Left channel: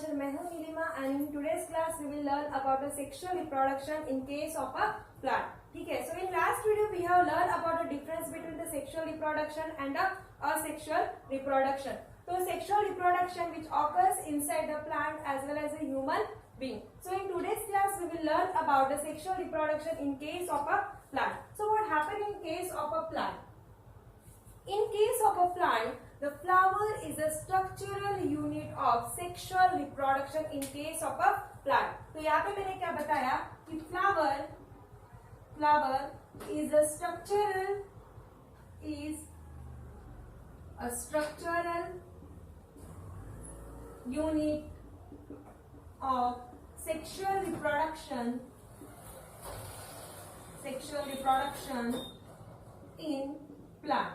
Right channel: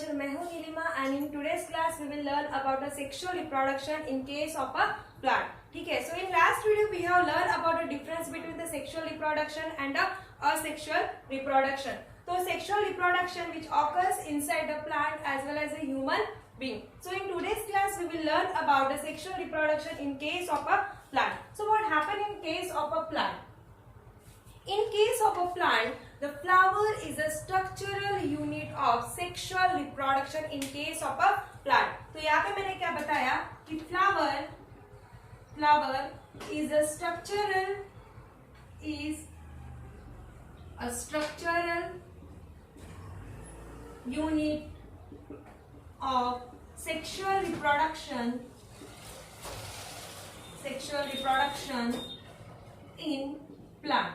Agriculture. मैं हूँ Nilima and in today's class we will learn about the sexual reproduction in case of a plant. ठीक है. So in last video we have learned about the difference between the sexual reproduction and the asexual reproduction. So sexual reproduction which occurs inside the plant as well as a human being. So in today's class we will learn about the sexual reproduction in case of a plant. So what happened in case of a plant? In case of a plant, the flower is a structural unit of sexual reproduction in case of a plant. तो यहाँ पे मैंने क्या बताया कि flower is a structural unit of sexual reproduction in plant.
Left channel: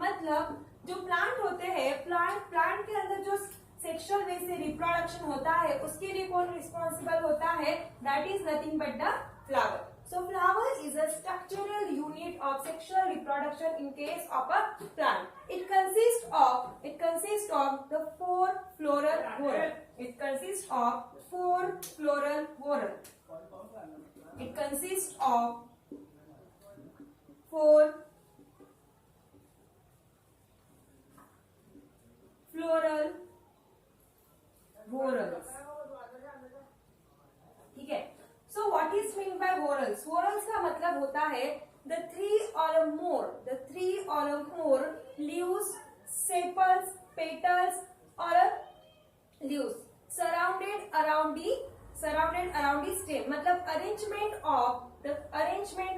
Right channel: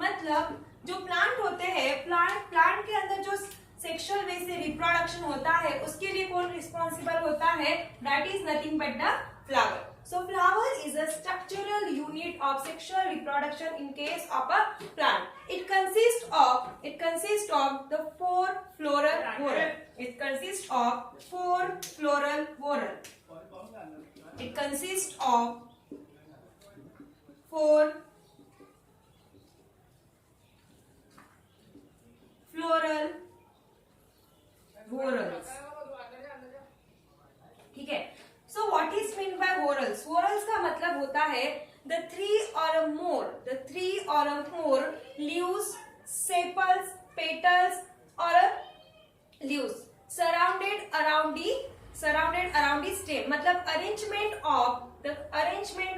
मतलब जो plant होते हैं, प्लांट के अंदर जो सेक्सुअल वे से रिप्रोडक्शन होता है उसके लिए कौन रिस्पॉन्सिबल होता है? That is nothing but the flower. So flower is a structural unit of sexual reproduction in case of a plant. It consists of the four floral whorl. It consists of four floral whorl. It consists of four floral whorls. ठीक है. So what is meant by whorls? Whorls का मतलब होता है the three or more leaves, sepals, petals or leaves surrounded around the stem. मतलब arrangement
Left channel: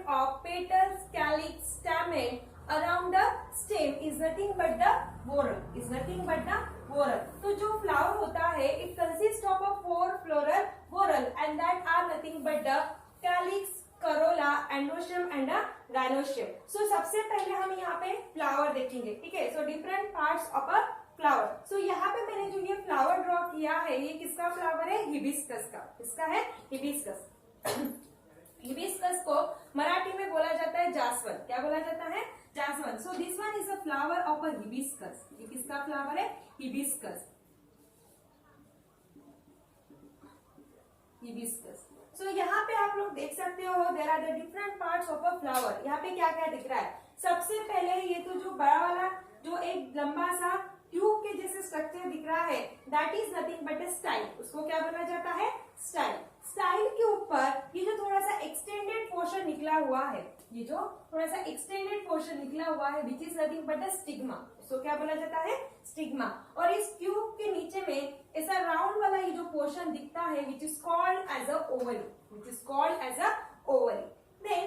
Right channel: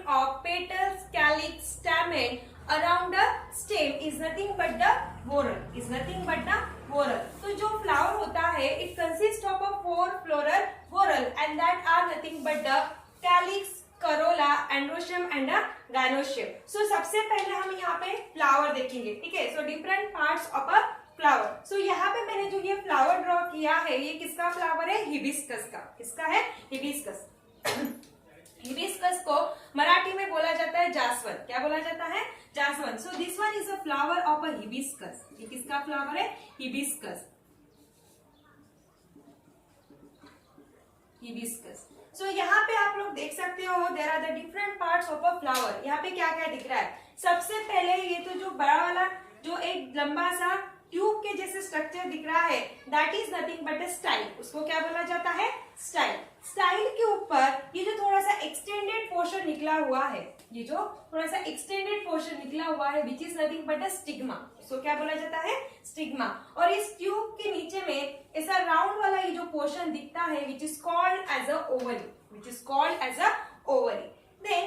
of petals, calyx, stamen around the stem is nothing but the whorl. तो जो flower होता है it consists of a four floral whorl and that are nothing but the calyx, corolla, androecium and a gynoecium. So सबसे पहले हम यहाँ पे flower देखेंगे. ठीक है. So different parts of a flower. So यहाँ पे मैंने जो ये flower draw किया है ये किसका flower है? हिबिस्कस का. किसका है? हिबिस्कस. हिबिस्कस को मराठी में बोला जाता है जासवन. क्या बोला जाता है? जासवन. So this one is a flower of a hibiscus. ये किसका flower है? Hibiscus. So यहाँ पे आप लोग देख सकते हो there are the different parts of a flower. यहाँ पे क्या क्या दिख रहा है? सबसे पहले ये तो जो बड़ा वाला जो एक लंबा सा ट्यूब के जैसे स्ट्रक्चर दिख रहा है that is nothing but a style. उसको क्या बोला जाता है? स्टाइल. स्टाइल के ऊपर ये जो थोड़ा सा एक्सटेंडेड पोर्शन निकला हुआ है which is nothing but a stigma. इसको क्या बोला जाता है? स्टिग्मा. और इस ट्यूब के नीचे में ऐसा राउंड वाला ये जो पोर्शन दिखता है which is called as a ovary. Then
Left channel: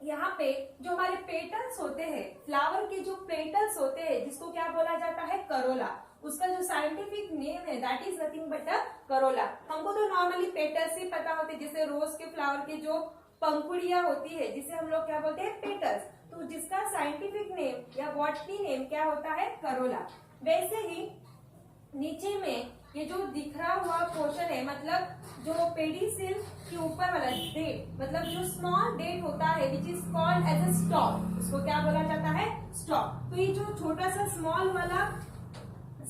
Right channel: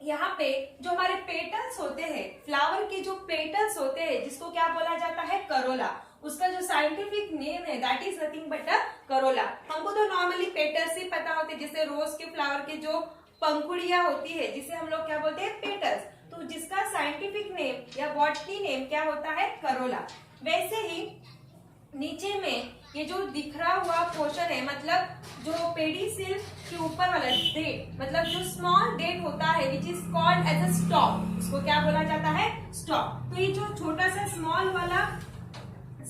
यहाँ पे जो हमारे पेटल्स होते हैं, फ्लावर के जो पेटल्स होते हैं जिसको क्या बोला जाता है? करोला. उसका जो साइंटिफिक नेम है that is nothing but a Corolla. हमको तो नॉर्मली पेटल्स ही पता होते हैं, जैसे रोज के फ्लावर के जो पंखुड़ियां होती है जिसे हम लोग क्या बोलते हैं? पेटल्स. तो जिसका साइंटिफिक नेम या बॉटनी नेम क्या होता है? करोला. वैसे ही नीचे में ये जो दिखरा हुआ पोर्शन है मतलब जो पेडिसिल के ऊपर वाला डेट मतलब जो स्मॉल डेट होता है which is called as a stalk. उसको क्या बोला जाता है? स्टॉक. तो ये जो छोटा सा स्मॉल वाला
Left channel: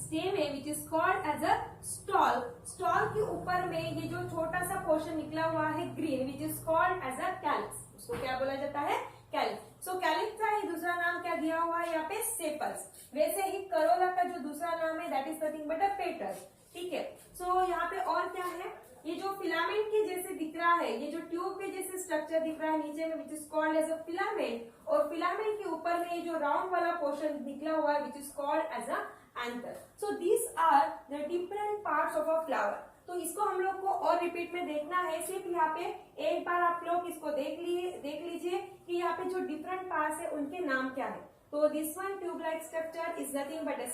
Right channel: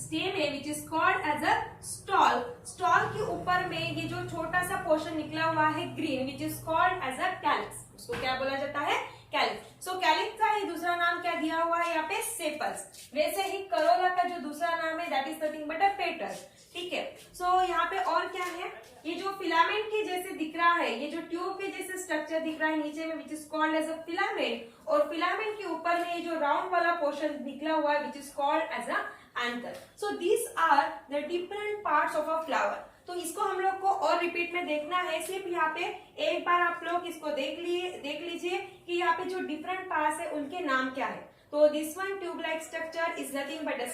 स्टेम है which is called as a stalk के ऊपर में ये जो छोटा सा पोर्शन निकला हुआ है green which is called as a calyx. उसको क्या बोला जाता है? कैलिक्स. सो कैलिक्स का ही दूसरा नाम क्या दिया हुआ है यहाँ पे? सेपल्स. वैसे ही करोला का जो दूसरा नाम है that is nothing but a petal. ठीक है. सो यहाँ पे और क्या है? ये जो फिलामेंट के जैसे दिख रहा है, ये जो ट्यूब के जैसे स्ट्रक्चर दिख रहा है नीचे में which is called as a filament, और फिलामेंट के ऊपर में ये जो राउंड वाला पोर्शन निकला हुआ है which is called as a anther. So these are the different parts of a flower. तो इसको हम लोग को और रिपीट में देखना है. सिर्फ यहाँ पे एक बार आप लोग इसको देख लीजिए कि यहाँ पे जो डिफरेंट पार्ट्स है उनके नाम क्या है. तो this one tube like structure is nothing but a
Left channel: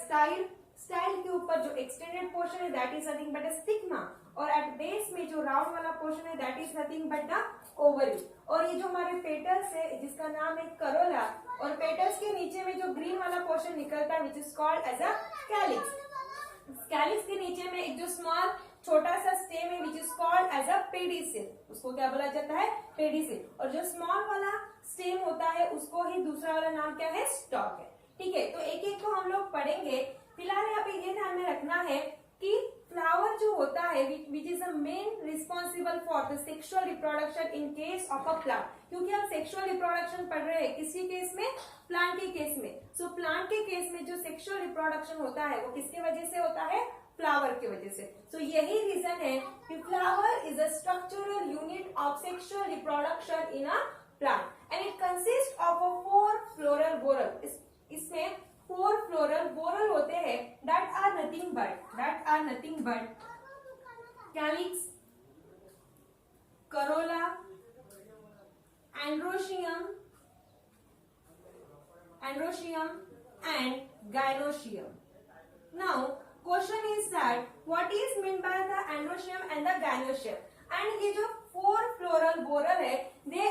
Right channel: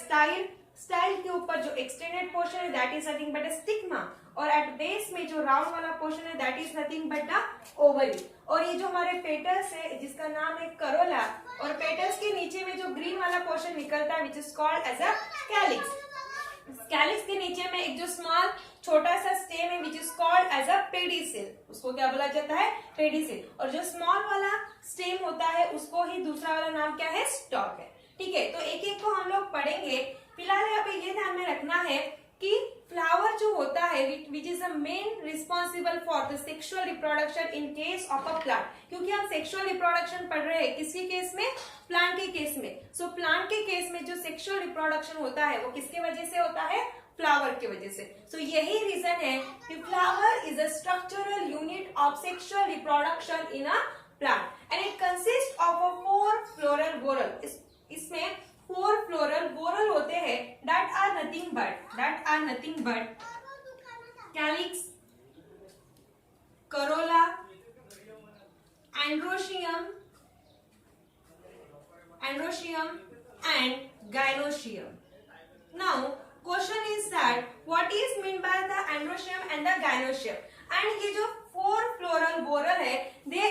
style के ऊपर जो एक्सटेंडेड पोर्शन है that is nothing but a stigma, और एट बेस में जो राउंड वाला पोर्शन है that is nothing but the ovary. और ये जो हमारे पेटल्स है जिसका नाम है करोला, और पेटल्स के नीचे में जो ग्रीन वाला पोर्शन निकलता है which is called as a calyx. Calyx के नीचे में एक जो स्मॉल छोटा सा स्टेम है which is called as a pedicel. उसको क्या बोला जाता है? पेडिसिल. और जो स्मॉल वाला स्टेम होता है उसको ही दूसरा वाला नाम क्या है? स्टॉक है. ठीक है. तो एक एक को हम लोग पढ़ेंगे. फिलहाल यहाँ पे ये ध्यान में रखना है कि फ्लावर जो होता है which is the main responsible for the sexual reproduction in case of a plant, क्योंकि हम सेक्सुअल रिप्रोडक्शन पढ़ रहे हैं किसके केस में, प्लांट के केस में। सो प्लांट के केस में जो सेक्सुअल रिप्रोडक्शन होता है वो किसके वजह से होता है, फ्लावर की वजह से। सो यही रीजन है कि flower is a structural unit of sexual reproduction in a plant and it consist of a 4 floral whorl. इसमें 4 फ्लोरल वोरल होते हैं that are nothing but calyx, corolla, androecium and gynoecium. Now question is that what is meant by the androecium and the gynoecium? And ये जो 4 floral whorl है they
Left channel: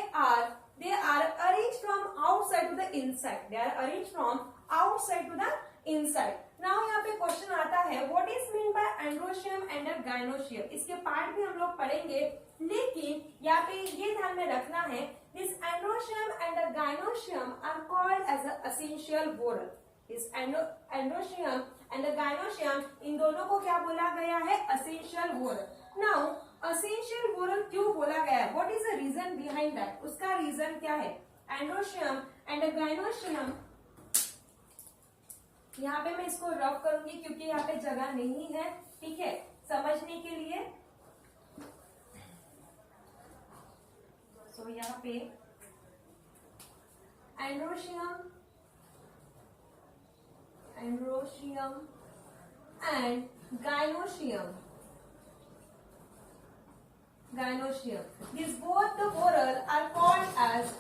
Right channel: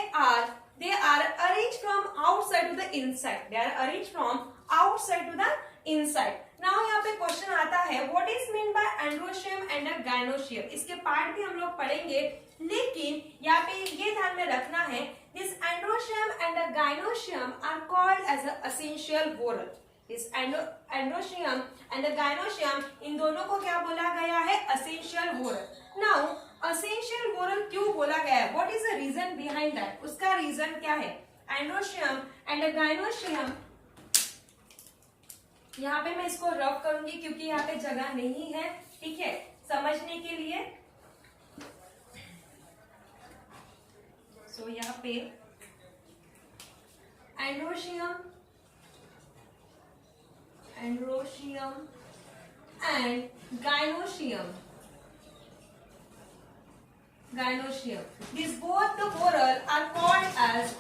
are arranged from outside to the inside. They are arranged from outside to the inside. Now यहाँ पे question आता है what is meant by androecium and the gynoecium? इसके part भी हम लोग पढ़ेंगे, लेकिन यहाँ पे ये ध्यान में रखना है this androecium and the gynoecium are called as a essential whorl. This androecium and the gynoecium इन दोनों को क्या बोला गया है, essential whorl. Now essential whorl क्यों बोला गया है, what is the reason behind that? उसका रीजन क्या है? androecium and the gynoecium, यहाँ पे मैं इसको रफ करूंगी क्योंकि यहाँ पे जगह नहीं है, ठीक है, समझने के लिए। सो यहाँ पे androecium and gynoecium, these both the whorl are called as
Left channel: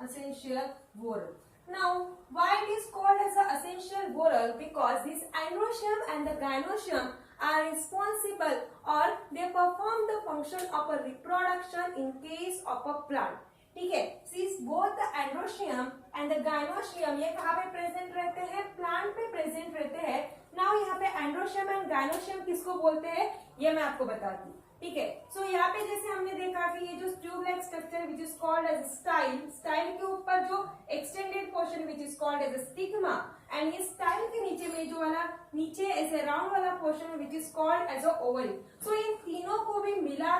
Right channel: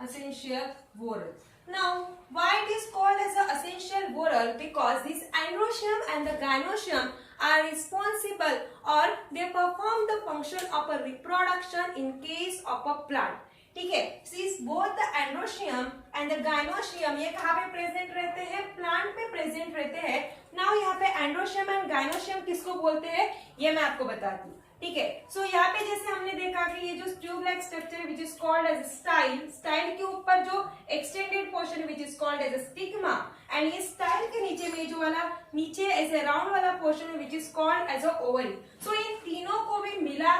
essential whorl. Now why it is called as a essential whorl? Because this androecium and the gynoecium are responsible or they perform the function of a reproduction in case of a plant. ठीक है, since both the androecium and the gynoecium ये कहाँ पे present रहते हैं, plant पे present रहते हैं। नाउ यहाँ पे androecium and gynoecium किसको बोलते हैं ये मैं आपको बताती हूँ, ठीक है। सो यहाँ पे जैसे हमने देखा कि ये जो tube like structure which is called as style के ऊपर जो extended portion which is called as stigma, and ये स्टाइल के नीचे में जो वाला नीचे ऐसे राउंड वाला portion which is called as a ovary. So इन तीनों को भी मिला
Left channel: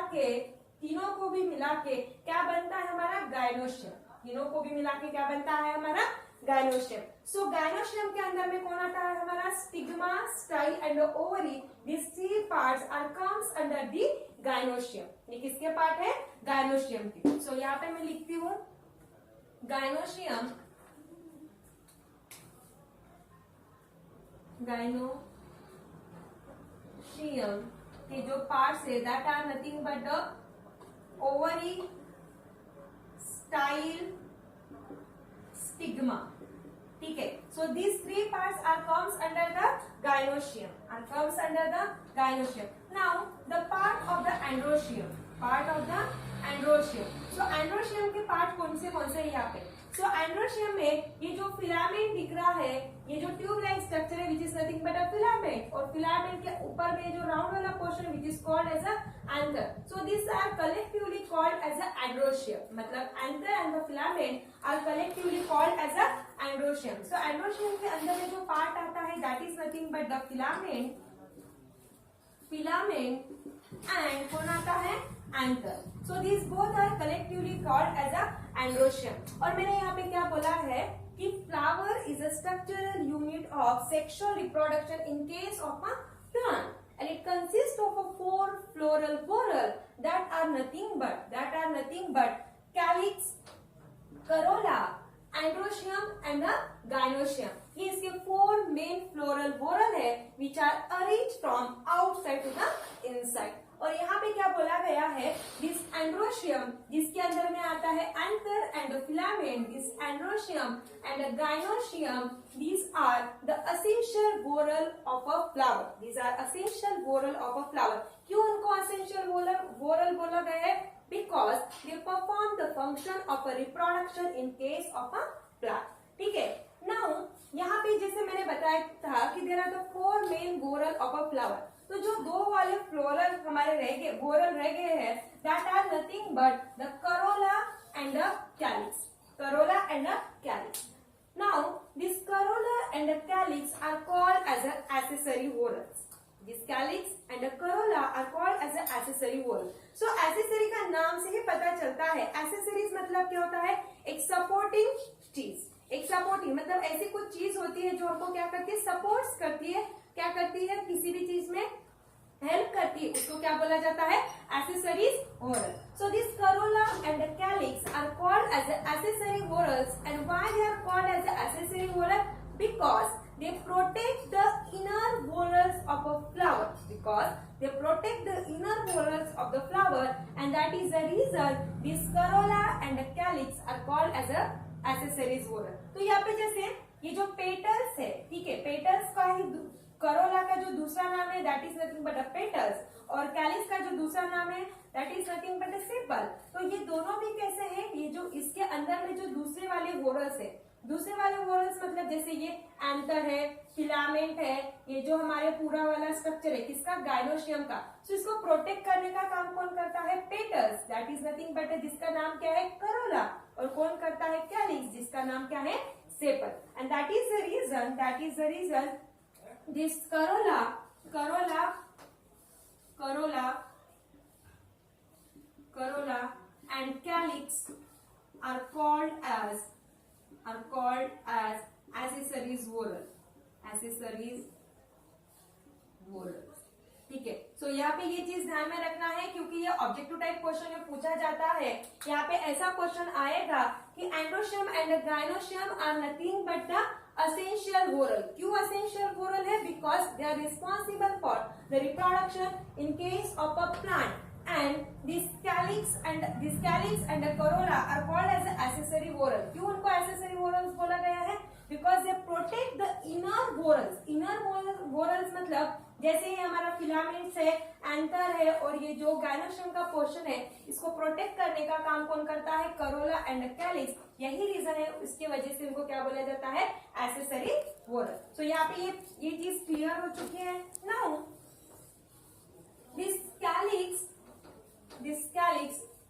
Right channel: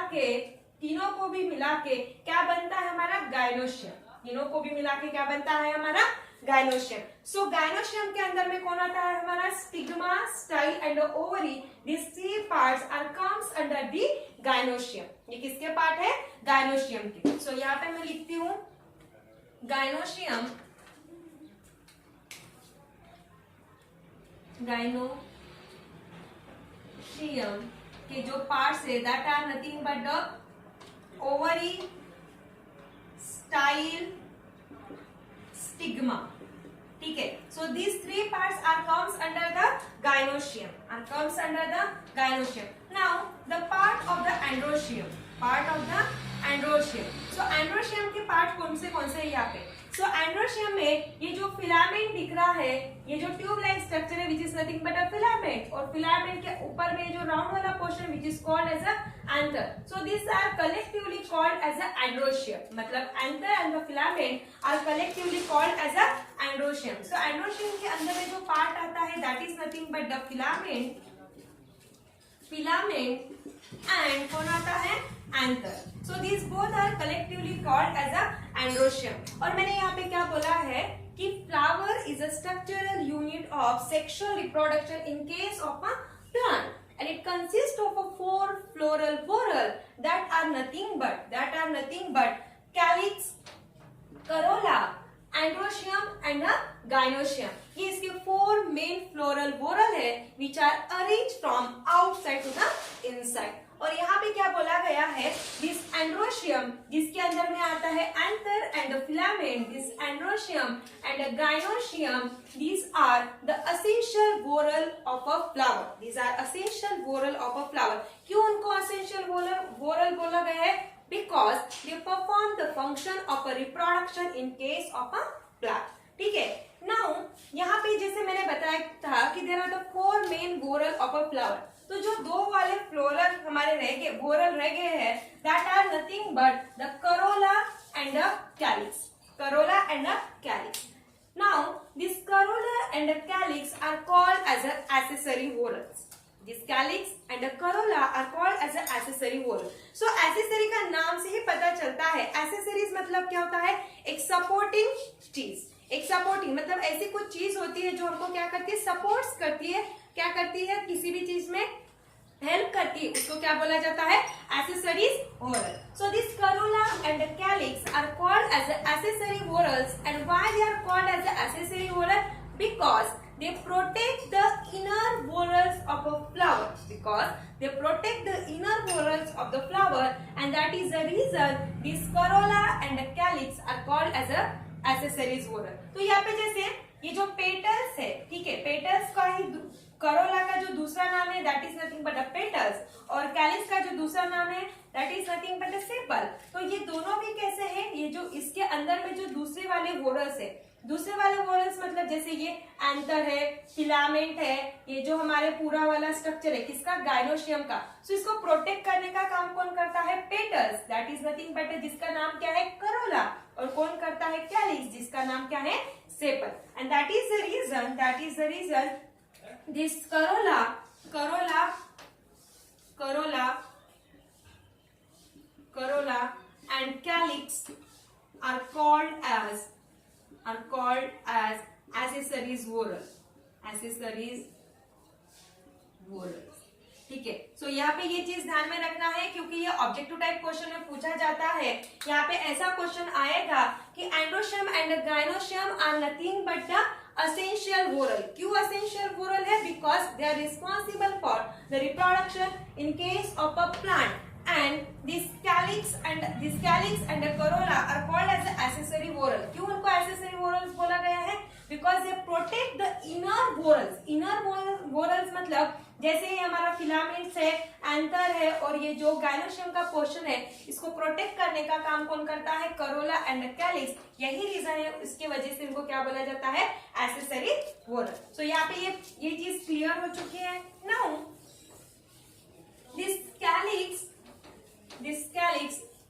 के क्या बनता है हमारा गायनोशियम, तीनों को भी मिला के क्या बनता है हमारा गायनोशियम। सो गायनोशियम के अंदर में कौन आता है हमारा, stigma, style and ovary, this 3 parts are comes under the gynoecium. ये किसके पार्ट है, गायनोशियम के। सो यहाँ पे मैं लिखती हूँ गायनोशियम के जो पार्ट्स है that are nothing but the ovary, style, stigma, ठीक है। So these 3 parts are comes under the gynoecium, now the part of the androecium, so androecium के पार्ट कौन से है यहाँ पे। सो एंड्रोशियम में ये जो फिलामेंट दिख रहा है, ये जो ट्यूब लाइक स्ट्रक्चर है which is nothing but a filament, और फिलामेंट के ऊपर में जो राउंड वाला portion which is called as a anther. So this are collectively called as a androecium, मतलब anther and the filament are collectively called as a androecium. So androecium के अंदर में जो पार्ट आता है that is nothing but the filament and कौन आता है, anther. So this both are collectively called as a androecium. और मैंने यहाँ पे क्या बोला है कि flower is a structural unit of sexual reproduction in case of a plant and it consists of a 4 floral whorl that are nothing but calyx, corolla, androecium and a gynoecium. ये इसके 4 main floral whorl है which are arranged from outside to the inside। और यहाँ पे क्या बोला गया है, this androecium जिसके अंदर में आता है anther and the filament, this androecium and the gynoecium, these are the essential whorl of a flower, क्यों उनको essential whorl बोला गया है, because they perform the function of a reproduction in case of a plant, ठीक है। Now यहाँ पे जैसे मैंने बताया था कि there are the 4 main whorl of a flower, तो जो 2 वाले फ्लोरल हमारे वोरल रह गए हैं that are nothing but the corolla and a calyx. Corolla and a calyx. Now, this corolla and a calyx are called as a accessory whorls. This calyx and a corolla are called as a accessory whorl. So, accessory का नाम से ही पता चलता है. Accessories मतलब क्या होता है? एक supporting चीज. एक सपोर्टिंग मतलब ऐसी कुछ चीज होती है जो हमको क्या करती है? सपोर्ट्स करती है. क्या करती है? किसी भी चीज में हेल्प करती है, उसको क्या बोला जाता है? Accessories whorl. So this corolla and the calyx are called as the accessory whorls. And why they are called as the accessory whorl? Because they protect the inner whorls of a flower. Because they protect the inner whorls of the flower, and that is the reason this corolla and the calyx are called as a accessories whorl. तो यहाँ पे जैसे ये जो petals है, ठीक है, petals का ही करोला का जो दूसरा नाम है that is nothing but a petals, और कैलिक्स का जो दूसरा नाम है that is nothing but a sepal. तो ये दोनों भी कैसे हैं? ये जो इसके अंदर में जो दूसरे वाले वोरल्स है, दूसरे वाले वोरल्स मतलब जैसे ये एंथर है, फिलामेंट है, ये जो हमारे पूरा वाला स्ट्रक्चर है किसका? गाइनोशियम का. सो इसको प्रोटेक्ट करने का काम कौन करता है? Petals, that is nothing but जिसका नाम क्या है? करोला. और कौन करता है? कैलिक्स, जिसका नाम क्या है? Sepal. And that is the reason this corolla and calyx are called as accessories whorl. ठीक है. सो यहाँ पे ये चीज ध्यान में रखना है क्योंकि ये ऑब्जेक्टिव टाइप क्वेश्चन में पूछा जाता है. यहाँ पे ऐसा क्वेश्चन आएगा कि androecium and gynoecium are nothing but the essential whorl. क्यों essential whorl है? Because they are responsible for the reproduction in case of a plant. And this calyx and the corolla are called as the accessory whorl. क्यों उनको accessory whorls बोला गया है? Because they protect the inner whorls. Inner whorls मतलब जैसे ये हमारा filaments है, एंथर है, और ये जो गाइनोशियम का पोर्शन है इसको प्रोटेक्ट करने का काम कौन करता है? Corolla and calyx. यही रीजन है, इसके वजह से इनको क्या बोला जाता है? Accessory whorl. सो यहाँ पे ये चीज क्लियर हो चुकी है. Now this calyx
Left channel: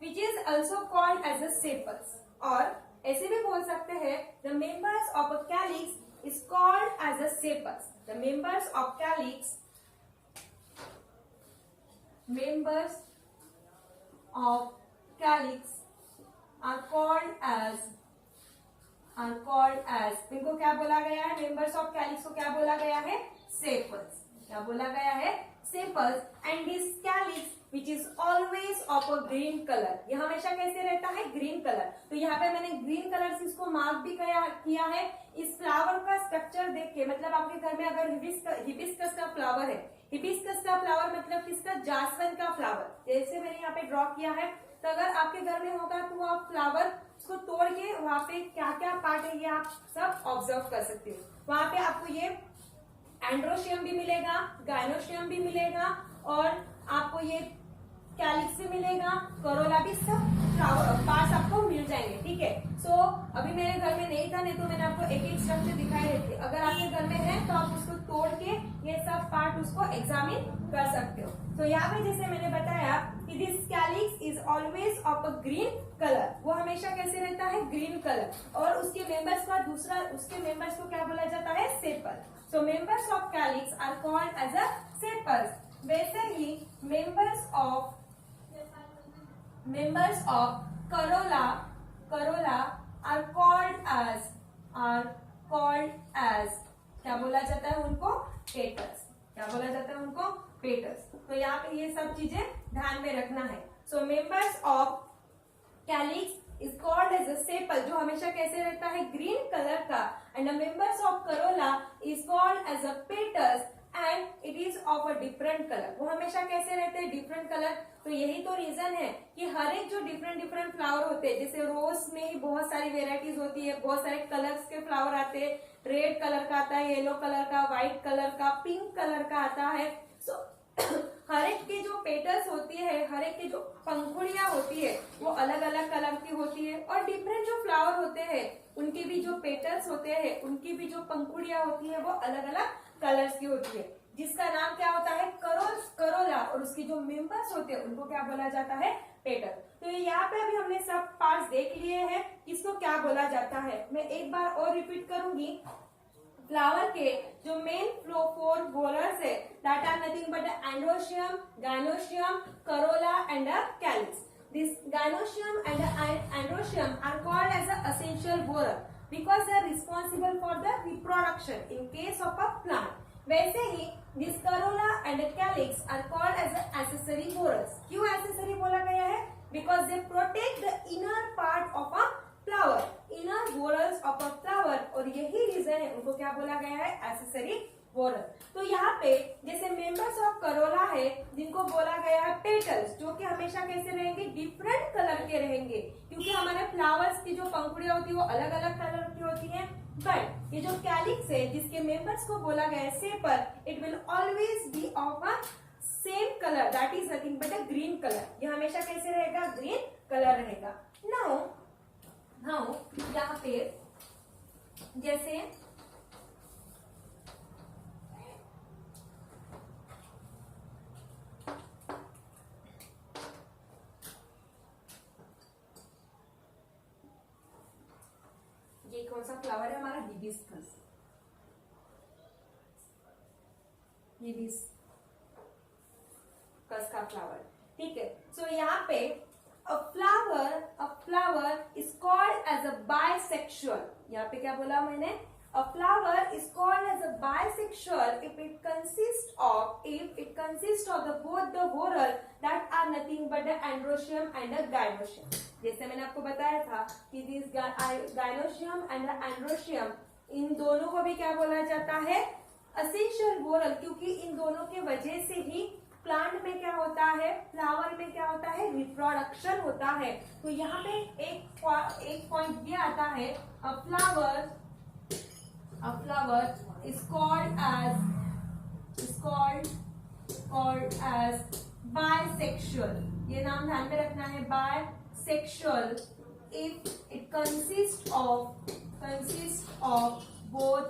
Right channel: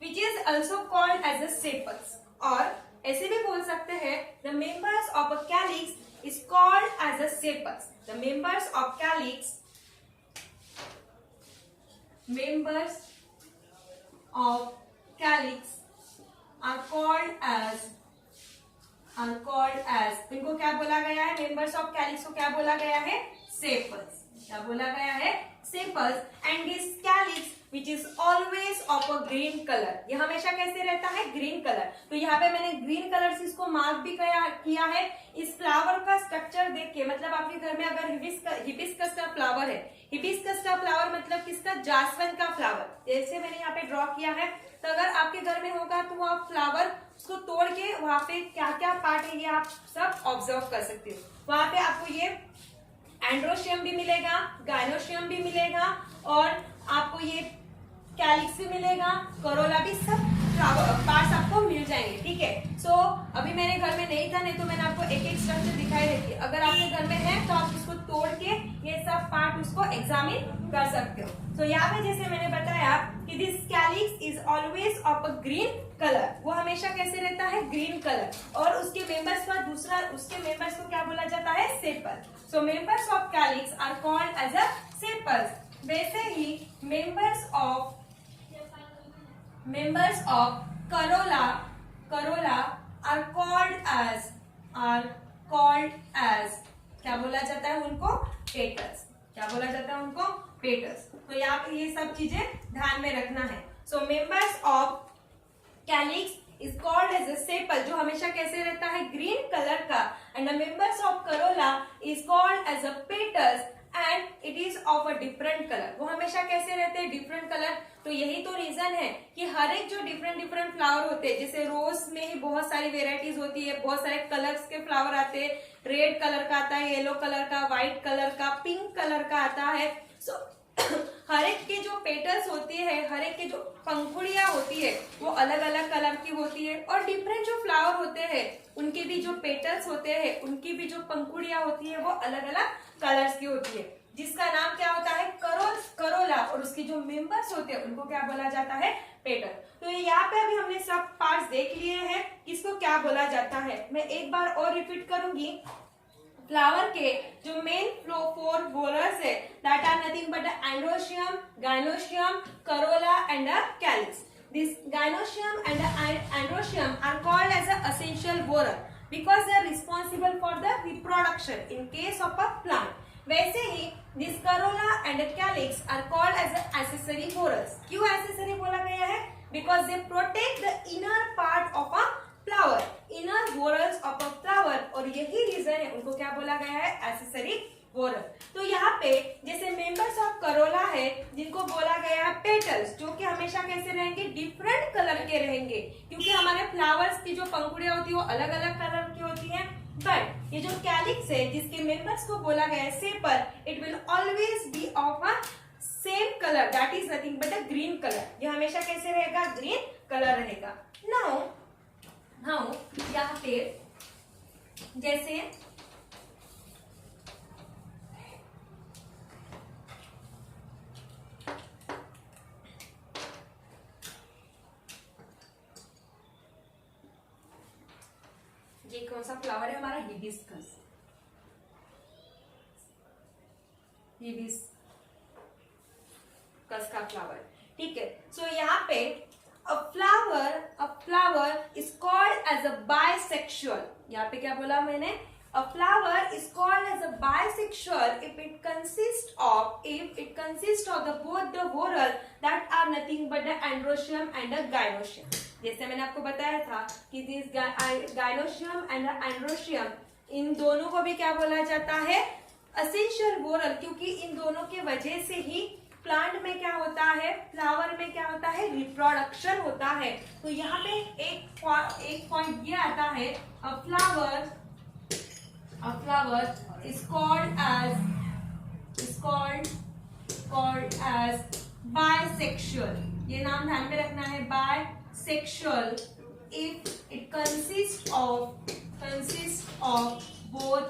which is also called as a sepals, और ऐसे भी बोल सकते हैं the members of a calyx is called as a sepals. The members of calyx are called as इनको क्या बोला गया है? मेंबर्स ऑफ कैलिक्स को क्या बोला गया है? सेपल्स. क्या बोला गया है? Sepals. And this calyx which is always of a green colour. ये हमेशा कैसे रहता है? Green colour. तो यहाँ पे मैंने ग्रीन कलर से इसको मार्क भी किया है. इस फ्लावर का स्ट्रक्चर देख के, मतलब आपके घर में अगर हिबिस्कस का फ्लावर है, हिबिस्कस का फ्लावर मतलब किसका? जासवंत का फ्लावर. जैसे मैंने यहाँ पे ड्रॉ किया है, तो अगर आपके घर में होगा तो आप फ्लावर उसको तोड़ के वहां पे क्या क्या पार्ट है ये आप सब ऑब्जर्व कर सकते हो. वहां पे आपको ये एंड्रोशियम भी मिलेगा, गाइनोशियम भी मिलेगा, और आपको ये कैलिक्स भी मिलेगा, करोला भी, सब फ्लावर पार्ट्स आपको मिल जाएंगे. ठीक है. सो अभी मेरे घर में नहीं था, नहीं तो मैंने आपको एक एक स्ट्रक्चर दिखाई देती है. अगर आपके घर में है तो आप उसको तोड़ के ये सब पार्ट उसको एग्जामिन कर सकते हो. तो यहाँ पे जैसे मैंने बताया कि this calyx is always of a green colour. वो हमेशा कैसे रहता है? Green colour. और उसके मेंबर्स का उसके मेंबर्स को क्या बोला जाता है? Sepal. So members of calyx are called as a sepals. वैसे ही members of corolla are called as क्या बोला जाता है उनको? पेटल्स. क्या बोला जाता है उनको? पेटल्स. तो यहाँ पे ये सब चीजें ध्यान में रखना है. So members of calyx is called as a sepal, जो हमेशा कैसे रहता है? ग्रीन कलर का. And the members of corolla is called as a petals and it is of a different colour. वो हमेशा कैसे रहते हैं? Different colour. तो यही तो रीजन है कि हर एक जो डिफरेंट फ्लावर होते हैं, जैसे रोज में ही बहुत सारी वेराइटीज होती है, बहुत सारे कलर्स के फ्लावर आते हैं. रेड कलर का आता है, येलो कलर का, व्हाइट कलर का, पिंक कलर का आता है. सो हर एक की जो पेटल्स होती है, हर एक की जो पंखुड़ियां होती है वो अलग अलग कलर की होती है. और डिफरेंट जो फ्लावर होते हैं उनके भी जो पेटल्स होते हैं, उनकी भी जो पंखुड़ियां होती है वो अलग अलग कलर्स की होती है, जिसका नाम क्या होता है? करोला. और उसके जो मेंबर्स होते हैं उनको क्या बोला जाता है? पेटल. तो यहाँ पे अभी हमने सब पार्ट्स देख लिए हैं किसको क्या बोला जाता है। मैं एक बार और रिपीट करूंगी। फ्लावर के जो मेन फोर व्होरल्स है that are nothing but androecium, gynoecium, corolla and a calyx. This gynoecium and androecium are called as an essential whorl because they are responsible for the reproduction in case of a plant. वैसे ही this corolla and calyx are called as an accessory whorls. क्यों accessory बोला गया है? Because they protect the inner part of a flower, inner whorls of a flower, और यही reason है उनको क्या बोला गया है accessory वोरल। तो यहाँ पे जैसे मेंबर्स ऑफ करोला है जिनको बोला गया है पेटल्स, जो कि हमेशा कैसे रहेंगे, डिफरेंट कलर के रहेंगे, क्योंकि हमारे फ्लावर्स की जो पंखुड़ियां होती है वो अलग अलग कलर की होती हैं। बट ये जो कैलिक्स है जिसके मेंबर्स को बोला गया है shaper, it will always be of a same colour, that is nothing but a green colour. ये हमेशा कैसे रहेगा, ग्रीन कलर रहेगा। नाउ यहाँ पे जैसे ये कौन सा फ्लावर है हमारा, हिबिस्कस। हिबिस्कस का फ्लावर, ठीक है। सो यहाँ पे a flower is called as a bisexual। यहाँ पे क्या बोला मैंने, a flower is called as a bisexual if it consists of the both the whorl that are nothing but the androecium and the gynoecium। जैसे मैंने आपको बताया था कि दिस गाइनोशियम एंड एंड्रोशियम, इन दोनों को भी क्या बोला जाता है, एसेंशियल वोरल, क्योंकि इन दोनों के वजह से ही प्लांट में क्या होता है, फ्लावर में क्या होता है, रिप्रोडक्शन होता है। तो यहाँ पे एक पॉइंट ये आता है, अ flower is called as bisexual। ये नाम ध्यान में रखना है, bisexual if it consists of both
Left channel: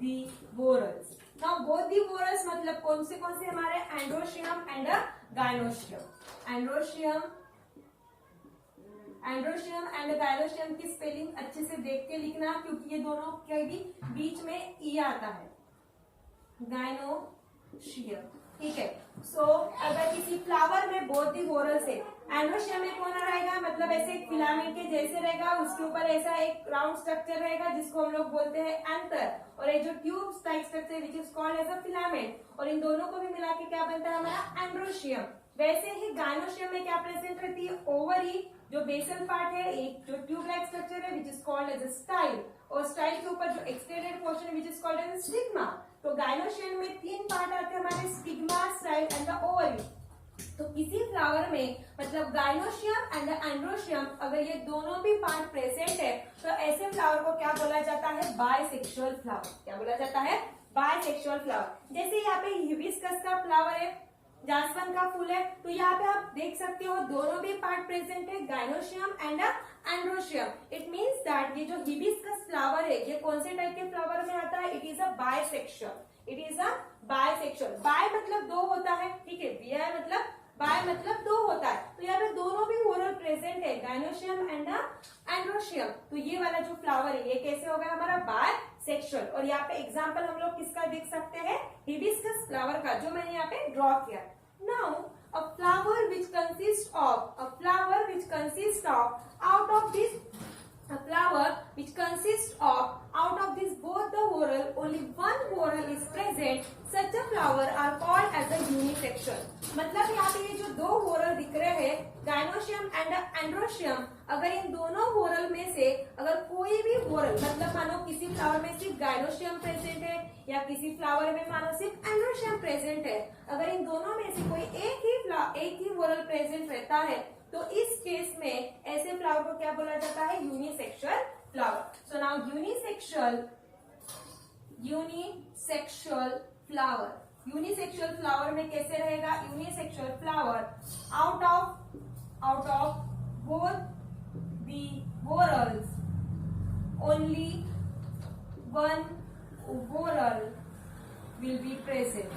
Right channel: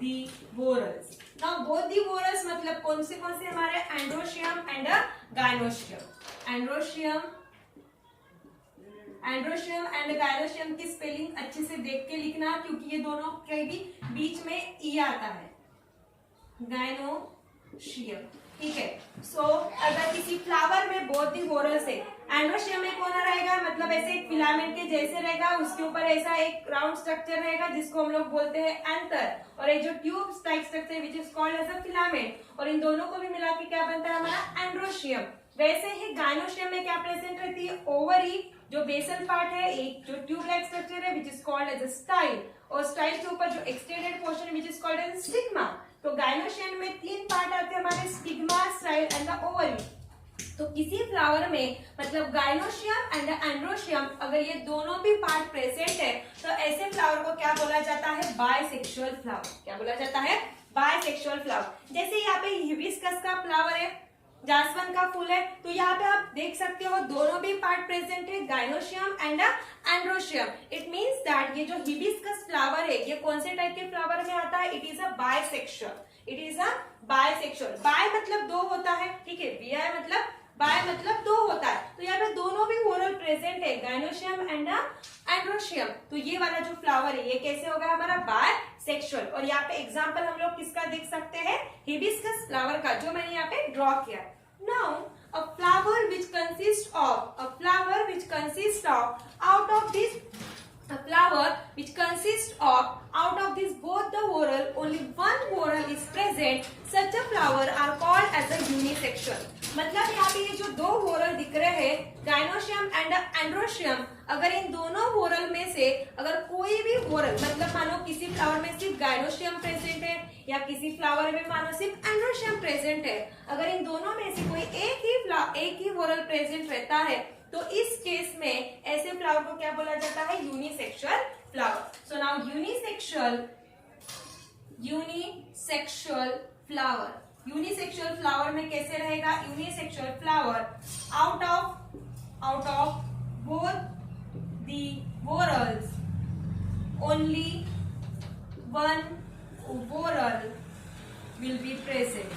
the whorls। Now both the whorls मतलब कौन से हमारे, androecium and gynoecium. Androecium and gynoecium की स्पेलिंग अच्छे से देख के लिखना, क्योंकि ये दोनों के भी बीच में ई आता है, गाइनोशियम, ठीक है। सो अगर किसी फ्लावर में बोथ दी वोरल्स है, एंड्रोशियम में कौन रहेगा, मतलब ऐसे एक फिलामेंट के जैसे रहेगा, उसके ऊपर ऐसा एक राउंड स्ट्रक्चर रहेगा जिसको हम लोग बोलते हैं एंथर, और एक जो tube type structure which is called as a filament, और इन दोनों को भी मिला के क्या बनता है हमारा एंड्रोशियम। वैसे ही गाइनोशियम में क्या प्रेजेंट रहती है, ओवरी, जो बेसल पार्ट है, एक जो ट्यूब लाइक स्ट्रक्चर है which is called as a style, और स्टाइल के ऊपर जो extended portion which is called as stigma. तो गाइनोशियम में 3 पार्ट आते हैं हमारे, stigma, style and the ovary. तो किसी फ्लावर में मतलब गाइनोशियम एंड एंड्रोशियम अगर ये दोनों भी पार्ट प्रेजेंट है तो ऐसे फ्लावर को क्या बोला जाता है, बायसेक्सुअल फ्लावर। क्या बोला जाता है, बायसेक्सुअल फ्लावर। जैसे यहाँ पे हिबिस्कस का फ्लावर है, जासवन का फूल है, तो यहाँ पे आप देख सकते हो दोनों भी पार्ट प्रेजेंट है, gynoecium and androecium. It means that ये जो हिबिस्कस फ्लावर है ये कौन से टाइप के फ्लावर में आता है, it is a bisexual. It is a bisexual. Bi मतलब दो होता है, ठीक है, बीआई मतलब बाय मतलब दो होता है। तो यहाँ पे दोनों भी वोरल प्रेजेंट है, गाइनोशियम एंड एंड्रोशियम। तो ये वाला जो फ्लावर है ये कैसे हो गया हमारा, बायसेक्सुअल। और यहाँ पे एग्जांपल हम लोग किसका देख सकते हैं, हिबिस्कस फ्लावर का, जो मैंने यहाँ पे ड्रॉ किया। Now a flower which consists of out of this both the whorl only one whorl is present, such a flower are called as a unisexual। मतलब यहाँ पे ये जो दो whorl दिख रहे हैं, गाइनोशियम एंड एंड्रोशियम, अगर इन दोनों whorl में से अगर कोई भी whorl, मतलब मानो किसी फ्लावर में सिर्फ गाइनोशियम प्रेजेंट है या किसी फ्लावर में मानो सिर्फ एंड्रोशियम प्रेजेंट है, अगर इन दोनों में से कोई एक ही whorl प्रेजेंट रहता है तो इस केस में ऐसे फ्लावर को क्या बोला जाता है, unisexual flower. So now unisexual flower में कैसे रहेगा, unisexual flower out of both the whorls only one whorl will be present।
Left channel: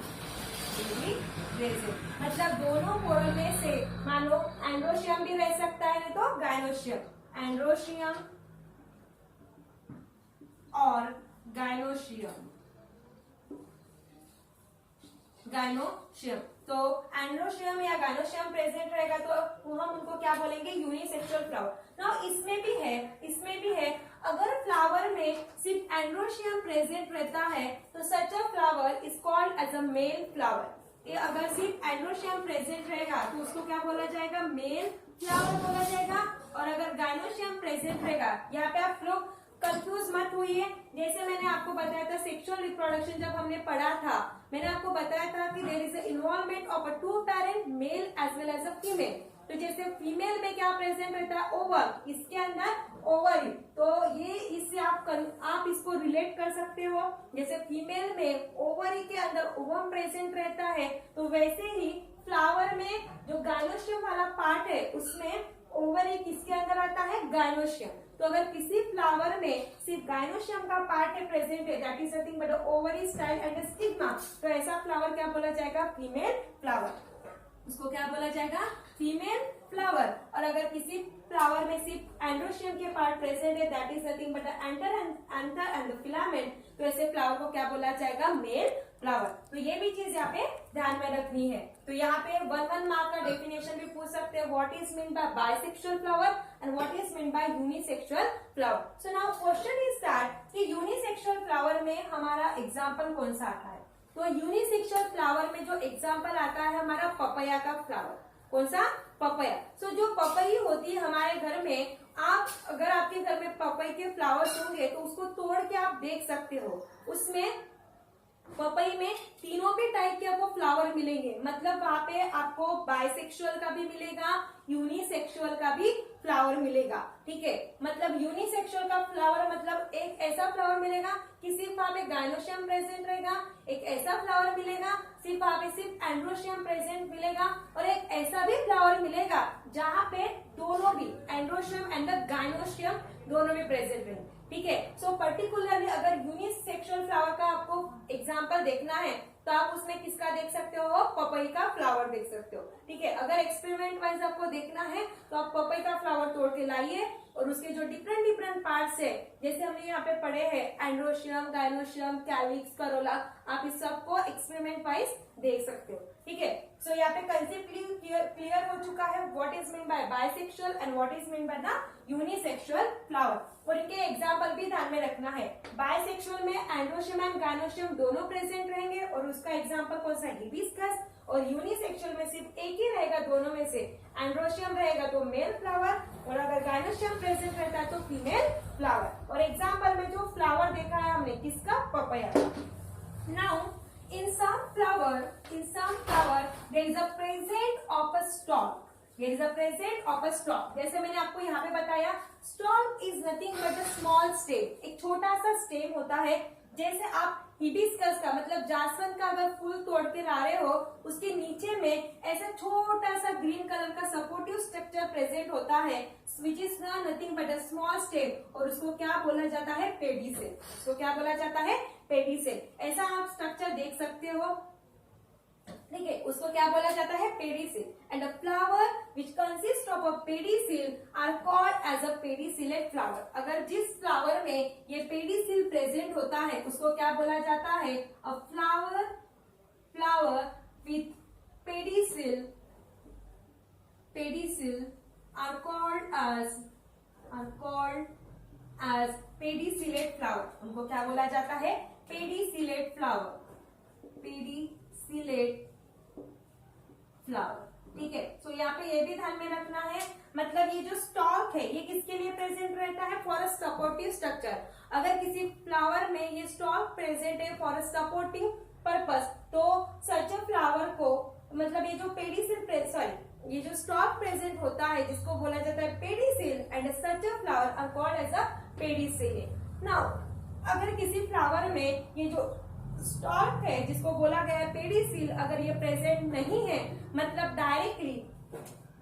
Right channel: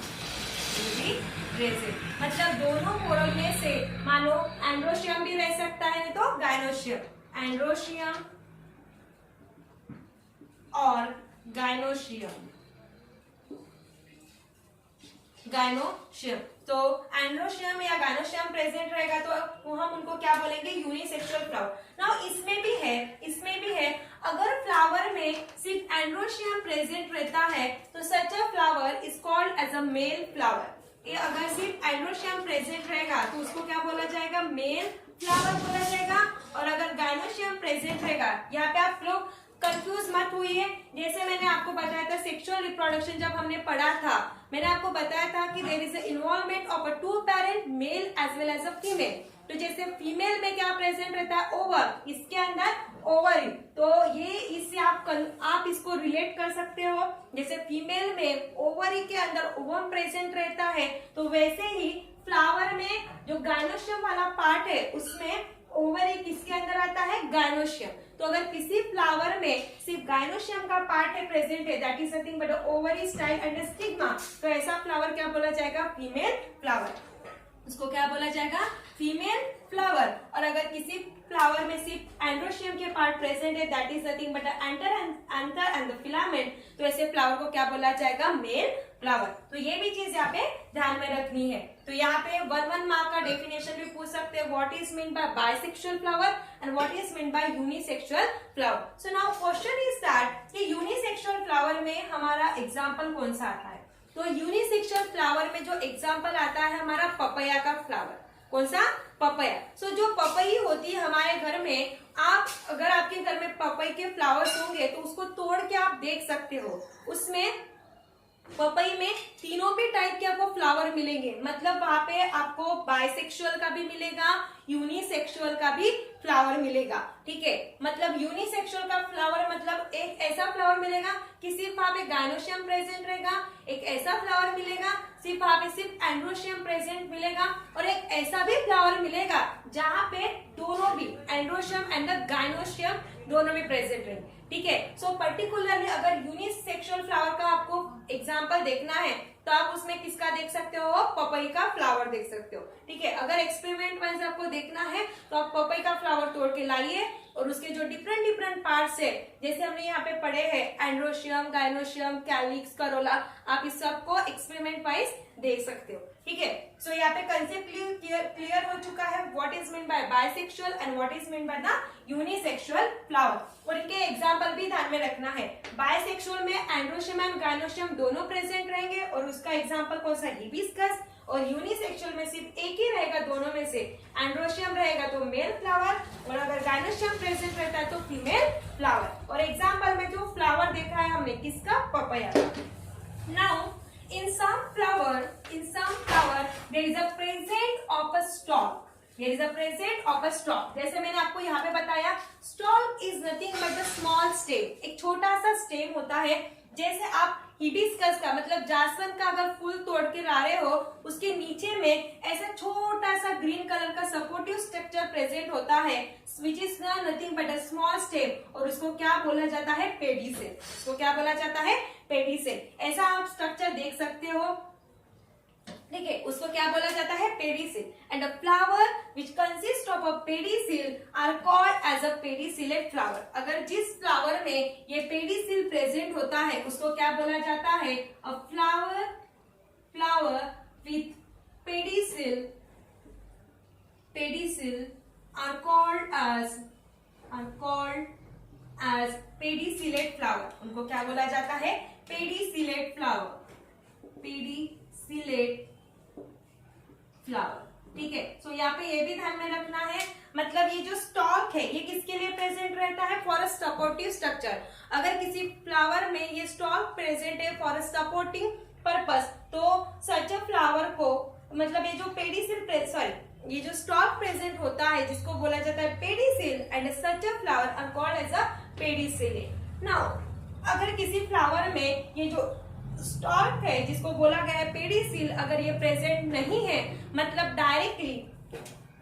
मतलब दोनों whorl में से मानो एंड्रोशियम भी रह सकता है, नहीं तो गायनोशियम, एंड्रोशियम और गायनोशियम, गायनोशियम। तो एंड्रोशियम या गायनोशियम प्रेजेंट रहेगा तो हम उनको क्या बोलेंगे, यूनिसेक्सुअल फ्लावर। नाउ इसमें भी है अगर फ्लावर में सिर्फ एंड्रोशियम प्रेजेंट रहता है तो such a flower is called as a male flower. ये अगर सिर्फ एंड्रोशियम प्रेजेंट रहेगा तो उसको क्या बोला जाएगा, मेल फ्लावर बोला जाएगा। और अगर गायनोशियम प्रेजेंट रहेगा, यहाँ पे आप लोग कंफ्यूज मत हुई, जैसे मैंने आपको बताया था सेक्सुअल रिप्रोडक्शन जब हमने पढ़ा था, मैंने आपको बताया था कि there is involvement of a two parent male as well as a female. तो जैसे फीमेल में क्या प्रेजेंट रहता है, ओवर, इसके अंदर ओवरी। तो ये इससे आप इसको रिलेट कर सकते हो, जैसे फीमेल में ओवरी के अंदर ओवम प्रेजेंट रहता है, तो वैसे ही फ्लावर में जो गायनोशियम वाला पार्ट है उसमें ओवरी किसके अंदर आता है, गायनोशियम। तो अगर किसी फ्लावर में सिर्फ गायनोशियम का पार्ट है प्रेजेंट है, that is nothing but ovary style and stigma, तो ऐसा फ्लावर क्या बोला जाएगा, फीमेल फ्लावर। उसको क्या बोला जाएगा, फीमेल फ्लावर। और अगर किसी फ्लावर में सिर्फ एंड्रोशियम के पार्ट प्रेजेंट है, that is nothing but anther and the filament, तो ऐसे फ्लावर को क्या बोला जाएगा, मेल फ्लावर। तो ये भी चीज यहाँ पे ध्यान में रखनी है। तो यहाँ पे 1 मार्क का डेफिनेशन भी पूछ सकते हैं, what is mean by bisexual flower and what is mean by unisexual flower. So now question is that कि यूनिसेक्सुअल फ्लावर में हमारा एग्जांपल कौन सा आता है। तो यूनिसेक्सुअल फ्लावर में जो एग्जांपल आता है हमारा पपैया का फ्लावर। कौन सा, पपैया। सो जो पपई होती है हमारे घर में, आप अगर आपके घर में पपई के फ्लावर्स होंगे तो उसको तोड़ के आप देख सकते हो, उसमें पपई में तीनों भी टाइप के आपको फ्लावर मिलेंगे। मतलब वहां पे आपको बाइसेक्सुअल का भी मिलेगा, यूनिसेक्सुअल का भी फ्लावर मिलेगा। ठीक है, मतलब यूनिसेक्सुअल का फ्लावर मतलब एक ऐसा फ्लावर मिलेगा कि सिर्फ वहां पे गायनोशियम प्रेजेंट रहेगा, एक ऐसा फ्लावर मिलेगा सिर्फ वहां पे सिर्फ एंड्रोशियम प्रेजेंट मिलेगा, और एक ऐसा भी फ्लावर मिलेगा जहां पे दोनों भी एंड्रोशियम एंड गायनोशियम दोनों भी प्रेजेंट रहेंगे। ठीक है, सो पर्टिकुलरली अगर यूनिसेक्सुअल फ्लावर का आपको एग्जांपल देखना है तो आप उसमें किसका देख सकते हो, पपई का फ्लावर देख सकते हो। ठीक है, अगर एक्सपेरिमेंट वाइज आपको देखना है तो आप पपई का फ्लावर तोड़ के लाइए और उसके जो डिफरेंट पार्ट्स है, जैसे हमने यहाँ पे पढ़े हैं एंड्रोशियम, गायनोशियम, कैलिक्स, करोला, आप इस सबको एक्सपेरिमेंट वाइज देख सकते हो। ठीक है, सो यहाँ पे कंसेप्ट क्लियर हो चुका है, what is mean by bisexual and what is mean by the unisexual flower. और इनके एग्जाम्पल भी ध्यान में रखना है। बाइसेक्सुअल में एंड्रोशियम एंड गायनोशियम दोनों प्रेजेंट रहेंगे और उसका एग्जाम्पल कौन सा, हिबिस्कस। और यूनिसेक्सुअल में सिर्फ एक ही रहेगा दोनों में से, एंड्रोशियम रहेगा तो मेल फ्लावर, और अगर गायनोशियम प्रेजेंट रहता है तो फीमेल फ्लावर। और एग्जाम्पल में जो फ्लावर देखा है हमने किसका, papaya. Now in some flower there is a present of a stalk, there is a present of a stalk। जैसे मैंने आपको यहाँ पे बताया, stalk is nothing but a small stem, एक छोटा सा स्टेम होता है। जैसे आप हिबिस्कस का मतलब जासवंत का अगर फूल तोड़ के ला रहे हो, उसके नीचे में ऐसा छोटा सा ग्रीन कलर का सपोर्टिव स्ट्रक्चर प्रेजेंट होता है, which is nothing but a small stem, और उसको क्या बोला जाता है, पेडिसेल। उसको क्या बोला जाता है, पेडिसेल। ऐसा आप स्ट्रक्चर देख सकते हो। ठीक है, उसको क्या बोला जाता है, pedicel. And a flower which consist of a pedicel are called as a pedicellate flower. अगर जिस फ्लावर में ये पेडिसेल प्रेजेंट होता है उसको क्या बोला जाता है, अ flower with pedicel are called as pedicellate flower. उनको क्या बोला जाता है, पेडिसिलेट फ्लावर, पेडिसिलेट फ्लावर। ठीक है, सो यहाँ पे ये भी ध्यान में रखना है, मतलब ये जो स्टॉक है ये किसके लिए प्रेजेंट रहता है, फॉर अ सपोर्टिव स्ट्रक्चर। अगर किसी फ्लावर में ये स्टॉक प्रेजेंट है फॉर अ सपोर्टिंग पर्पस, तो सच अ फ्लावर को मतलब ये जो पेडिसिल ये जो स्टॉक प्रेजेंट होता है जिसको बोला जाता है pedicel, and such a flower are called as a pedicellate. Now अगर किसी फ्लावर में ये जो स्टॉक है जिसको बोला गया है पेडिसिल, अगर ये प्रेजेंट नहीं है, मतलब डायरेक्टली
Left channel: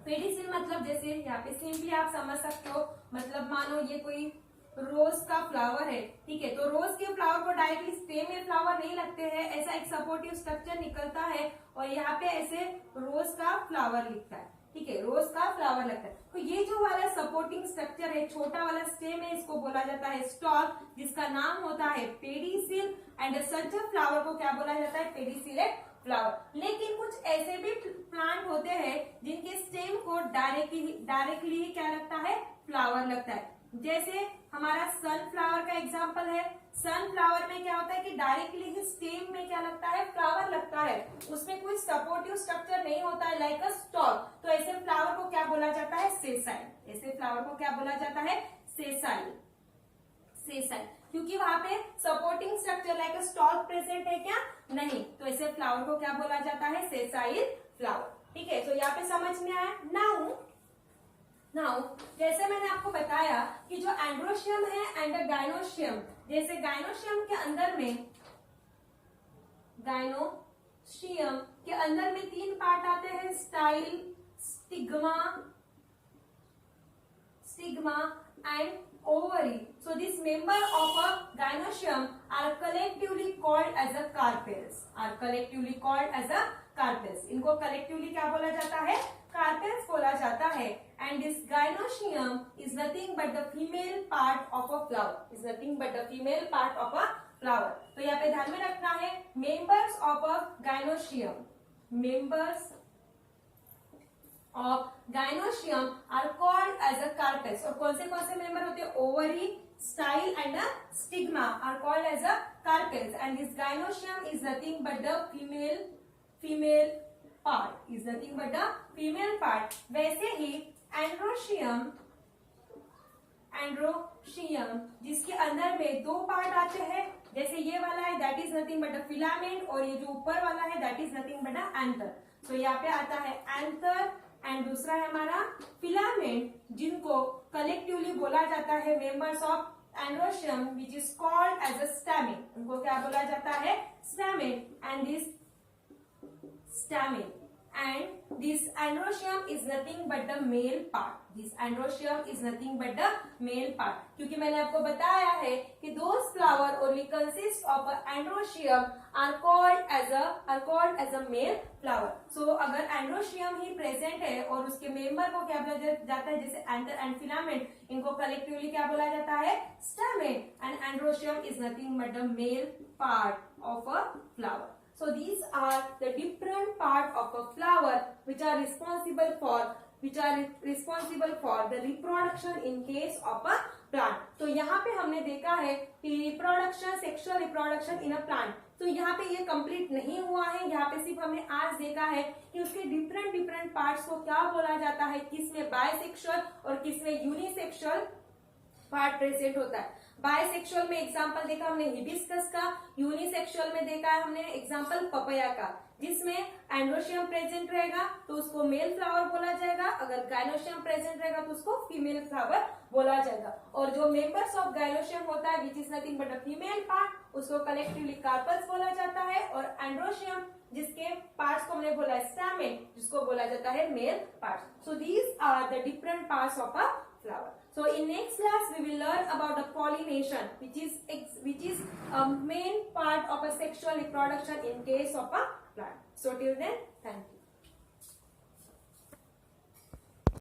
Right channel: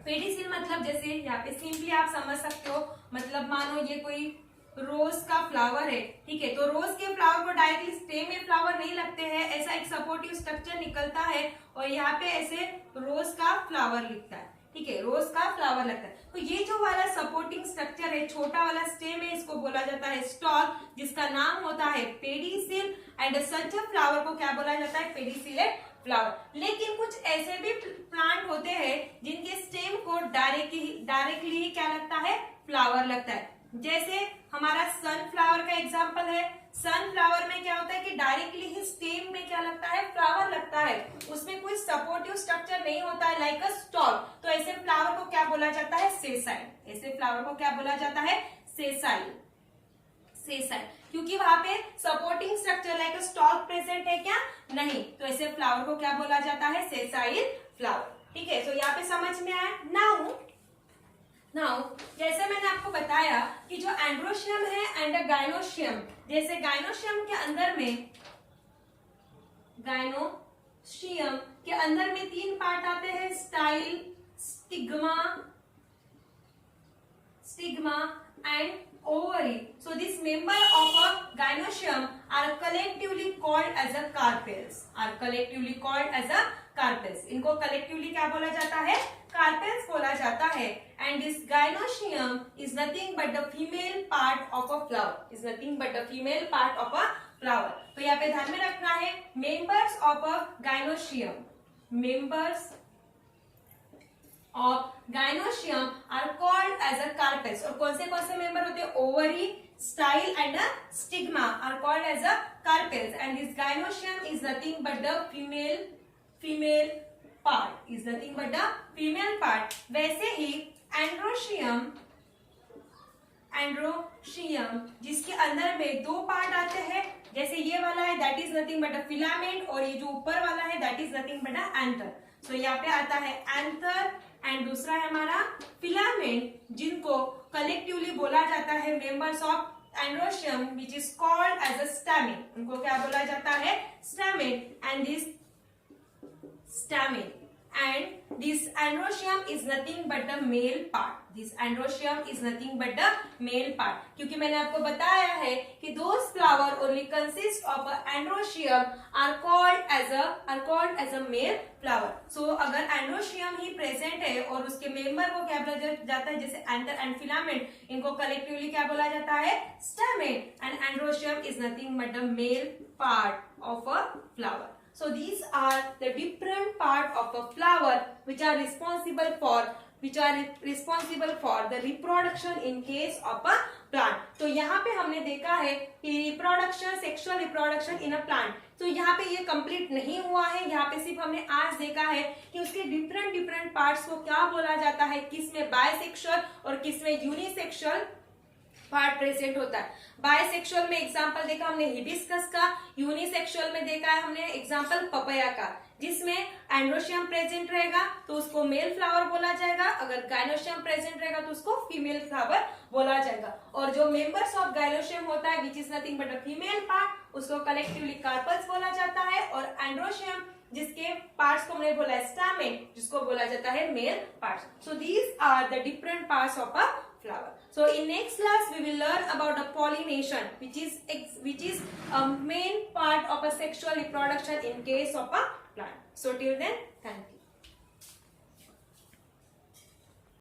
पेडिसिल मतलब जैसे यहाँ पे सिंपली आप समझ सकते हो, मतलब मानो ये कोई रोज का फ्लावर है। ठीक है, तो रोज के फ्लावर को डायरेक्टली स्टेम में फ्लावर नहीं लगते हैं, ऐसा एक सपोर्टिव स्ट्रक्चर निकलता है और यहाँ पे ऐसे रोज का फ्लावर लिखता है। ठीक है, रोज का फ्लावर लगता है। तो ये जो वाला सपोर्टिंग स्ट्रक्चर है, छोटा वाला स्टेम है, इसको बोला जाता है स्टॉक, जिसका नाम होता है पेडिसिल। एंड सच फ्लावर को क्या बोला जाता है, पेडिसिलेट फ्लावर। लेकिन कुछ ऐसे भी प्लांट होते हैं जिनके स्टेम को डायरेक्टली क्या लगता है, फ्लावर लगता है। जैसे हमारा सनफ्लावर का एग्जांपल है। सनफ्लावर में क्या होता है कि डायरेक्टली ही स्टेम में क्या लगता है, फ्लावर लगता है, उसमें कोई सपोर्टिव स्ट्रक्चर नहीं होता है लाइक अ स्टॉक। तो ऐसे फ्लावर को क्या बोला जाता है, सेसाइल। ऐसे फ्लावर को क्या बोला जाता है, सेसाइल। सेसाइल क्योंकि वहां पे supporting structure like a stalk present है क्या, नहीं। तो ऐसे फ्लावर को क्या बोला जाता है, सेसाइल फ्लावर। ठीक है, तो यहाँ पे समझ में आया। नाउ जैसे मैंने आपको बताया कि जो एंड्रोशियम है एंड गाइनोशियम, जैसे गाइनोशियम के अंदर में 3 पार्ट आते हैं, style, stigma and ovary. So these member of a gynoecium are collectively called as a carpels. इनको collectively क्या बोला जाता है, carpels बोला जाता है। And this gynoecium is nothing but the female part of a flower. तो यहाँ पे ध्यान में रखना है, members of a gynoecium, are called as a carpels। और कौन से मेंबर होते हैं, ovary, style and stigma are called as a carpels। and this gynoecium is nothing but the female part। वैसे ही एंड्रोशियम जिसके अंदर में 2 पार्ट आते हैं, जैसे ये वाला है that is nothing but a filament, और ये जो ऊपर वाला है that is nothing but a anther. So यहाँ पे आता है एंथर एंड दूसरा है हमारा फिलामेंट, जिनको कलेक्टिवली बोला जाता है members of androecium which is called as a stamen. उनको क्या बोला जाता है, stamen. And this androecium is nothing but the male part. क्योंकि मैंने आपको बताया है कि those flower only consist of androecium are called as a male flower. So अगर एंड्रोशियम ही प्रेजेंट है और उसके मेंबर को क्या बोला जाता है, जैसे एंथर एंड फिलामेंट, इनको कलेक्टिवली क्या बोला जाता है, stamen. And androecium is nothing but the male part of a flower. So these are the different part of a flower which are responsible for the reproduction in case of a plant। तो यहाँ पे हमने देखा है कि sexual reproduction in a plant. तो यहाँ पे ये कंप्लीट नहीं हुआ है, यहाँ पे सिर्फ हमने आज देखा है कि उसके डिफरेंट पार्ट्स को क्या बोला जाता है, किसमें बायसेक्सुअल और किसमें यूनिसेक्सुअल पार्ट प्रेजेंट होता है। बायसेक्सुअल में एग्जांपल देखा हमने हिबिस्कस का, यूनिसेक्सुअल में देखा है हमने एग्जांपल पपया का, जिसमें एंड्रोशियम प्रेजेंट रहेगा तो उसको मेल फ्लावर बोला जाएगा, अगर गाइनोशियम प्रेजेंट रहेगा तो उसको फीमेल फ्लावर बोला जाएगा। और जो मेंबर्स ऑफ गाइनोशियम होता है which is nothing but a female part, उसको कलेक्टिवली कार्पल्स बोला जाता है। और एंड्रोशियम जिसके पार्ट्स को हमने बोला स्टैमेन, जिसको बोला जाता है male parts. So these are the different parts of a flower। So in next class we will learn about the pollination, which is a main part of a sexual reproduction in case of a plant। So till then, thank you.